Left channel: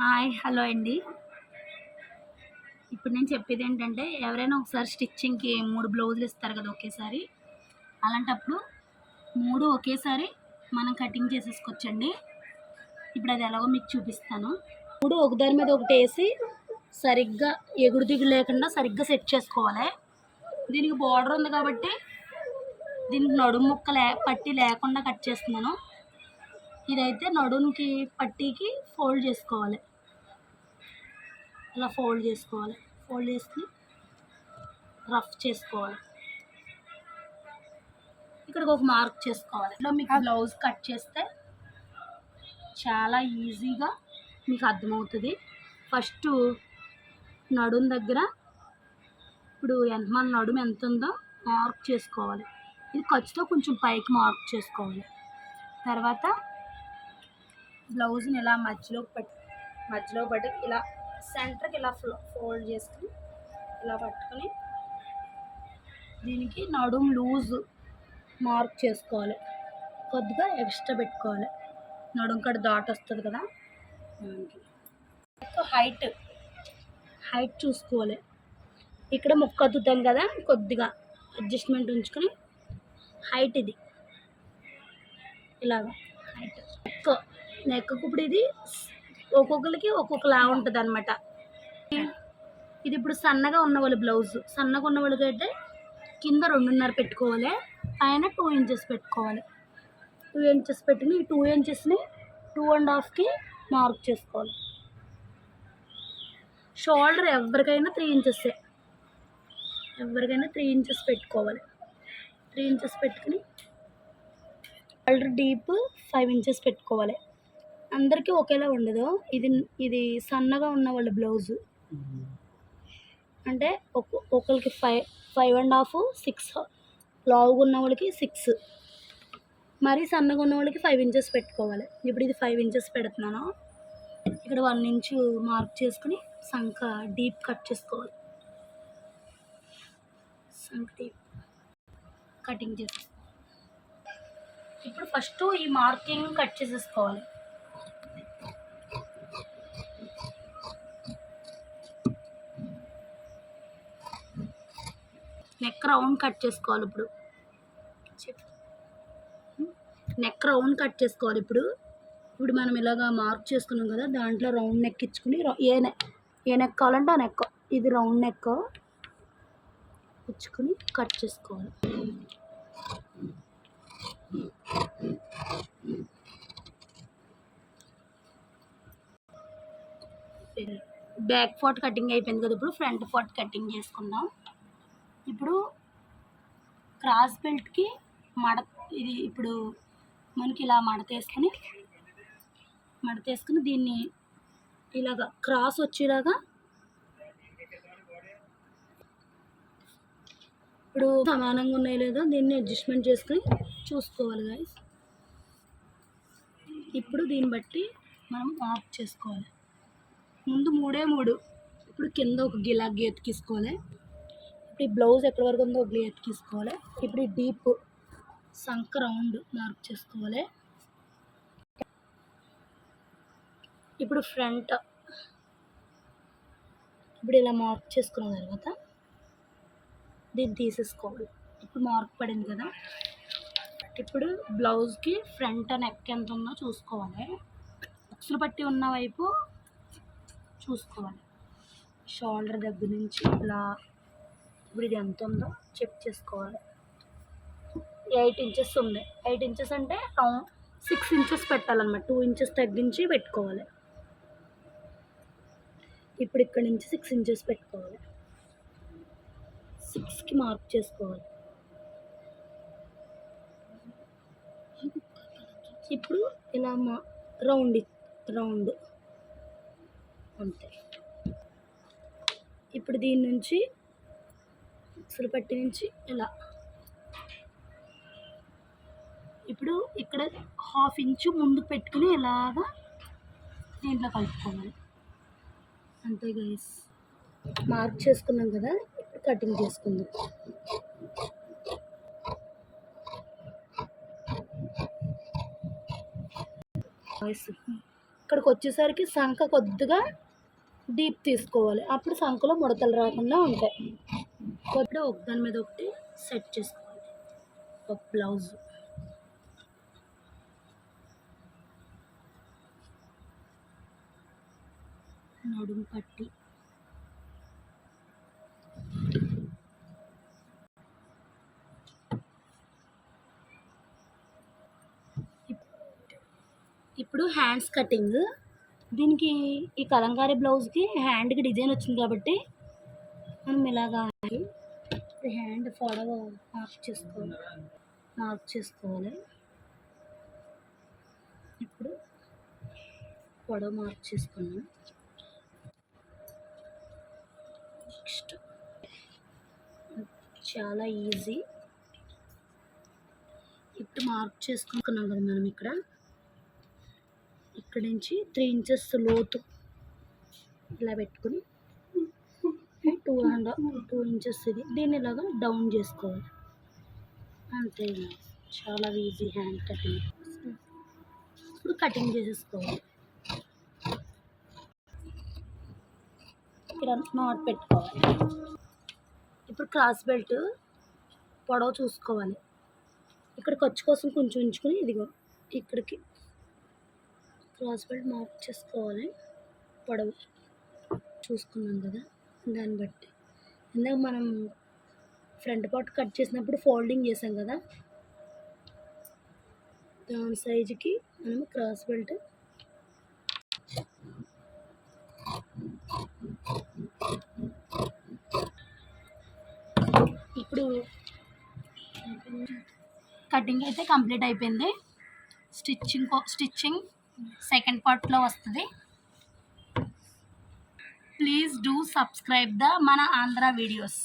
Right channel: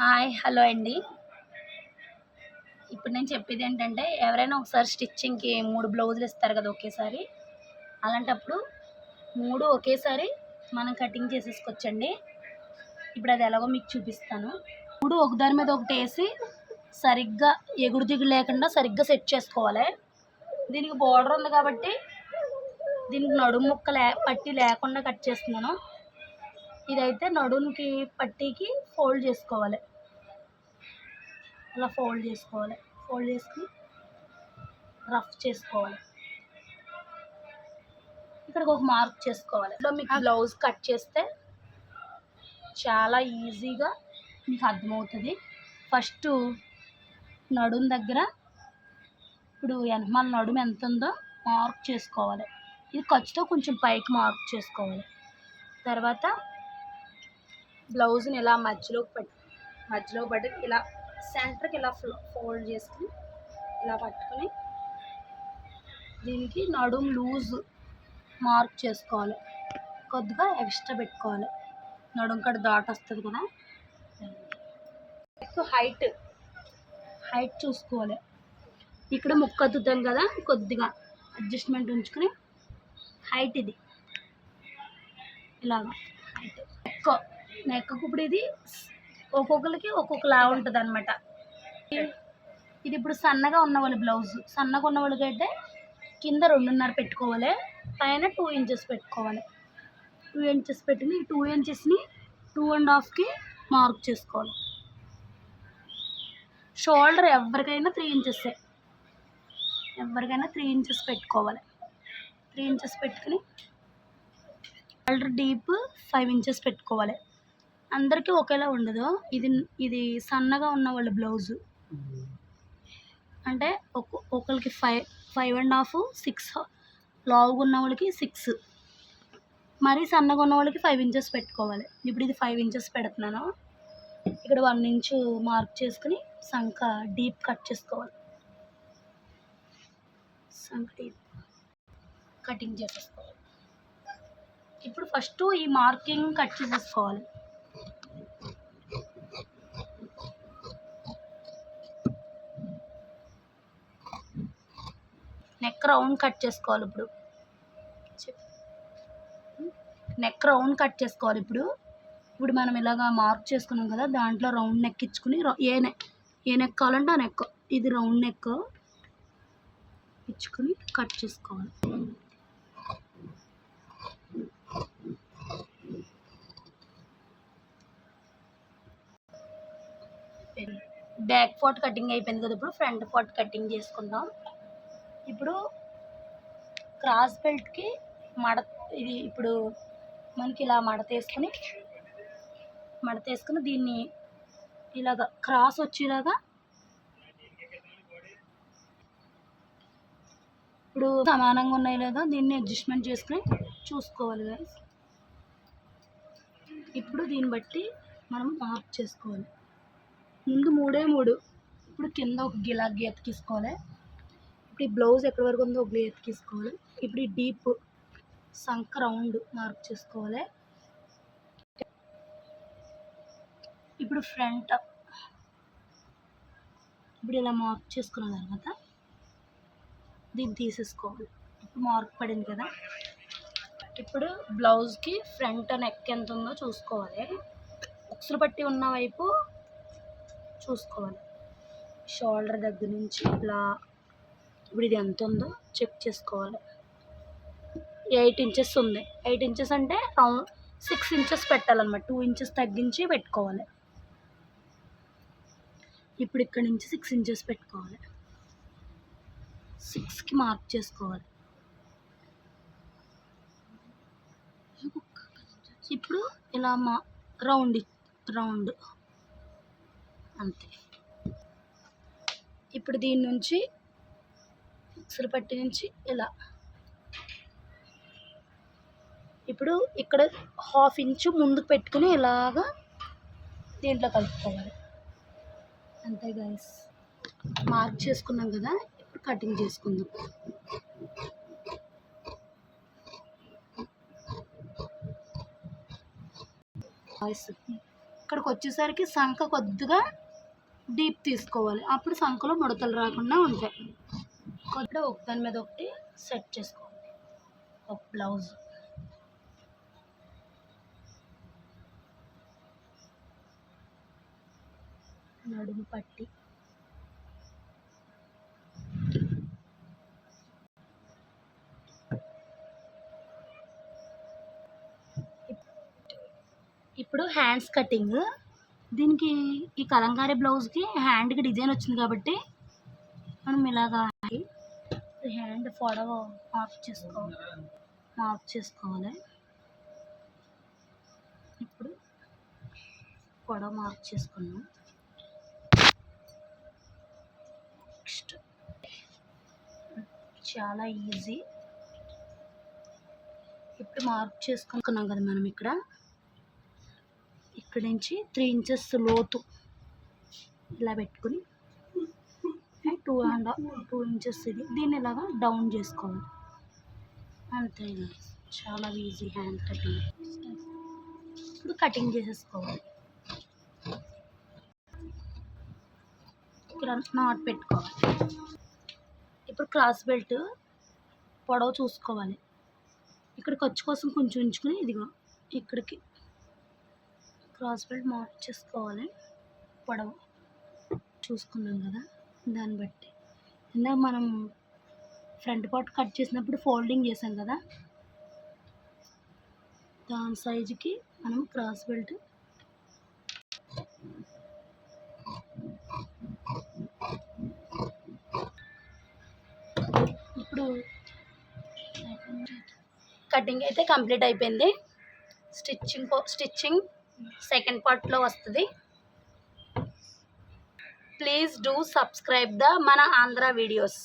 Hi hello అండి. ఇప్పుడు నేను చెప్పేది ఏంటంటే ఎవరైనా ఒకసారి స్టిచ్చింగ్‌కి 3 బ్లౌజులు ఇస్తారు కదా ఒకేసారి. అలాంటప్పుడు 3 ఒకేసారి మనం కటింగ్ చేసేసుకోవచ్చండి. ఇప్పుడు అది ఎలాగో మీకు చూపిస్తాను. 3 ఒకదాని మీద ఒకటేసి సరిగ్గా ఎగుడు దిగుడు లేకుండా సరిగ్గా సెట్ చేసుకోవాలి. దీనికి బోర్డర్ ఉంది కాబట్టి దీనికి నడుము ముక్క పట్టీ లేకుండా కట్ చేస్తున్నాను. ఇదైతే నడుముకి పట్టీకి ఫోల్డ్ చేసుకోవాలి. ఇలా ఫోల్డ్ చేసుకొని రఫ్ చేసుకోవాలి. ఇక్కడికి ఒక మార్క్ చేసుకోవాలి. ఇలా మీకు బ్లౌజ్ కట్ చేస్తే చాలా ఈజీగా మీకు అర్థమవుతుంది. ఫస్ట్ నడుము దగ్గర ఇప్పుడు వెనకమాల నడుము ఎంత ఉందో మార్క్ చేసుకోవాలి. ఇది ఖర్చుతో కొంచెం పైకి మార్క్ చేసుకోవాలి. తర్వాత బ్లౌజ్ని ఇలా మధ్యలో పట్టి ఇలా సెంటర్కి ఇలా ఫోల్డ్ చేసుకుని ఇలా పట్టుకొని దీనికి నడుము లూజ్ మార్క్ చేసుకోవాలి. కొద్దిగా ఎక్స్ట్రా పెట్టుకోవాలి. నడుము కాడ డాట్ వస్తుంది కదా, ఎక్కువ హైట్ చూసుకోవాలి. ఇక్కడ ముక్క అద్దుతాం కదా, కొద్దిగా అడ్జస్ట్మెంట్ ఉంచుకొని హైట్ ఇది ఇలాగా హైట్ నెక్కు ఇప్పుడు ఇది ఒక్కొక్కరికి ఒక్కొక్కలా ఉంటుంది అనమాట. ఇది ఇప్పుడు సన్నగా ఉన్న వాళ్ళు బ్లౌజ్ సన్నగా ఉన్న వాళ్ళకైతే కింద 2.5 పెట్టుకోవాలి, పైన 2 ఇంచెస్ పెట్టుకోవాలి. 2 ఇంచెస్ పెట్టుకుని ఈ 2 ఇంచెస్ని 2.5కి మార్క్ చేసుకోవాలి. షోల్డర్ ఎవరికైనా 3 ఇంచెస్సే, 3 ఇంచెస్ పెట్టుకోవాలి. 3 ఇంచెస్ పెట్టుకుని షోల్డర్ డీప్ 5 ఇంచెస్ పెట్టుకోవాలి. అందరికీ ఒకేలా ఉండదు. ఇది సన్నగా ఉన్న వాళ్ళు బ్లౌజు అంటే ఒకరికి 5.5 6, లావుగా ఉన్న వాళ్ళకి 6, మరీ సన్నగా ఉన్న వాళ్ళకి 5 ఇంచెస్ పెట్టుకోవాలి. ఇప్పుడు ఇది 5 ఇంచెస్ పెడుతున్నాను. ఇక్కడ 1 ఇంచు మార్క్ చేసుకుని సంఖ డీప్ కట్ చేసుకోవాలి. సంఖ డీప్ కటింగ్ చేసేసుకోవాలి. ఇప్పుడు ఫస్ట్ ఈ మార్కింగ్ కట్ చేసేసుకోవాలి. నెక్ రౌండ్ కట్ చేసుకోవాలి. ఇప్పుడు మనం ఇలాగా మార్క్ చేసుకున్నాం కదా, దాంట్లో రౌండ్ నెక్ ఇచ్చుకుని ఏ నెక్ కావాలంటే ఆ నెక్, ఇది రౌండ్ నెక్ ఇచ్చుకుని కట్ చేసుకోవాలి. బ్యాక్ పార్ట్ కటింగ్ అయిపోయింది కదా, ఇప్పుడు ఫ్రంట్ పార్ట్ కటింగ్ చేసుకుందాం. ఇప్పుడు క్రాస్ బెల్ట్కి ఇది ఇప్పుడు మనకి ఇలా మడతేసుకుని దీన్ని ఇలాగా క్రాస్ వచ్చేలాగా ఇప్పుడు సమానంగా ఉన్నాయో లేదో దీన్ని అడ్జస్ట్మెంట్ చేసుకుని చూసుకోవాలి గైస్. ఇప్పుడు దీన్ని బట్టి మనం మార్క్ చేసుకోవాలి. ముందు 3 ఇప్పుడు కింద ఒక గీత గీసుకోవాలి. ఇప్పుడు ఈ బ్లౌజ్ ఎక్కడి వరకు ఉందో ఒక గీత గీసుకోవాలి. ఇప్పుడు ఈ డీప్ సంక రౌండ్ మార్క్ చేసుకోవాలి. ఇప్పుడు ఫ్రంట్ ఇప్పుడు ఇలా మార్క్ చేసుకున్న తర్వాత దీన్ని తీసేసుకోవాలి. ఇప్పుడు మార్క్ పడింది కదా, ఇప్పుడు బ్లౌజ్కి ఫ్రంట్ నెక్ ఎంత ఉందో చూసుకోవాలి. ఉక్సులు పట్టి ఉన్న వైపు చూసుకోవాలి. షోల్డర్ దగ్గర నుంచి ఇలా ఇప్పుడు ఇది ఎంత ఉందో చెక్ చేసుకోవాలి. 8 ఇంచెస్ ఉంది. 8 ఇంచెస్ అంటే 6 ఇంచెస్ పెట్టాలన్నమాట. 2 ఇంచెస్ తగ్గించి పెట్టుకోవాలి. ఇప్పుడు ఇక్కడ నుంచి 6 ఇంచెస్ పెట్టుకోవాలి. 6కి మార్క్ చేసుకోవాలి. ఇప్పుడు ఇలా రౌండ్ అంతే. ఇప్పుడు దీని నుంచి ఉక్సులు పట్టి నుంచి ఇలా ఇప్పుడు ఇక్కడ 1/2 ఇంచు ముందుకు పెట్టుకుని ఇలాగా దీంట్లో కలుపుకోవాలి. అంతే గైస్, మార్క్ చేసుకున్నాం కదా, ఇప్పుడు కటింగ్ చేసుకుందాం. ఇక్కడికి వచ్చేసరికి సంఖ కొద్దిగా డీప్ తీసుకోవాలి, అప్పుడు సంఖలో ముడతలు రాకుండా ఉంటాయి. కొద్దిగా ఒకదాని మీద ఒకటి సెట్ చేసుకోవాలి. ఒక బ్లౌజ్ నడుము పట్టి ఇప్పుడు హ్యాండ్స్ కటింగ్. దీనికి ఈ కలంకారీ బ్లౌజ్కి హ్యాండ్కి డిజైన్ వచ్చింది కాబట్టి మనం ఇలాగా హ్యాండ్ పొడవు మార్క్ చేసుకోవాలి. ఇప్పుడు పొడవు మార్క్ చేసుకున్నాం. నెక్స్ట్ చాలా ఈజీ. ఇప్పుడు మార్క్ చేసుకున్నాం కదా మనం ఇక్కడ నుంచి 3 ఇంచెస్ లోతు ఇలా పెట్టుకుని 2 ఇంచెస్ దీన్ని ఇలాగా డౌన్ చేసుకోవాలి. అంతే, చాలా ఈజీ హ్యాండ్ కటింగ్. ఇప్పుడు కటింగ్ చేసేసుకోవాలి. ఇక్కడ నాట్ పెట్టుకోవాలి. ఇప్పుడు క్రాస్ బెల్ట్ పొడవు చూసుకోవాలి. ఇక్కడ ఖర్చు కోసం కొంచెం ఉంచుకొని ఇదిగో ఇక్కడికి క్రాస్ బెల్ట్ మార్క్ చేసుకోవాలి. పొడవు చూసుకున్నాం కదా, దాన్ని బట్టి ఇందాక మనం ఫ్రంట్ పార్ట్ కట్ చేసినప్పుడు ఫోల్డింగ్ చేసాం కదా, దాని సైజుకి మనం క్రాస్ బెల్ట్ ఇప్పుడు కటింగ్ అయితే కంప్లీట్ అయిపోయింది. స్టిచ్చింగ్ సెకండ్ పార్ట్లో వస్తుంది. ప్లీజ్ డూ సబ్స్క్రైబ్ మన ఆంధ్ర వీడియోస్.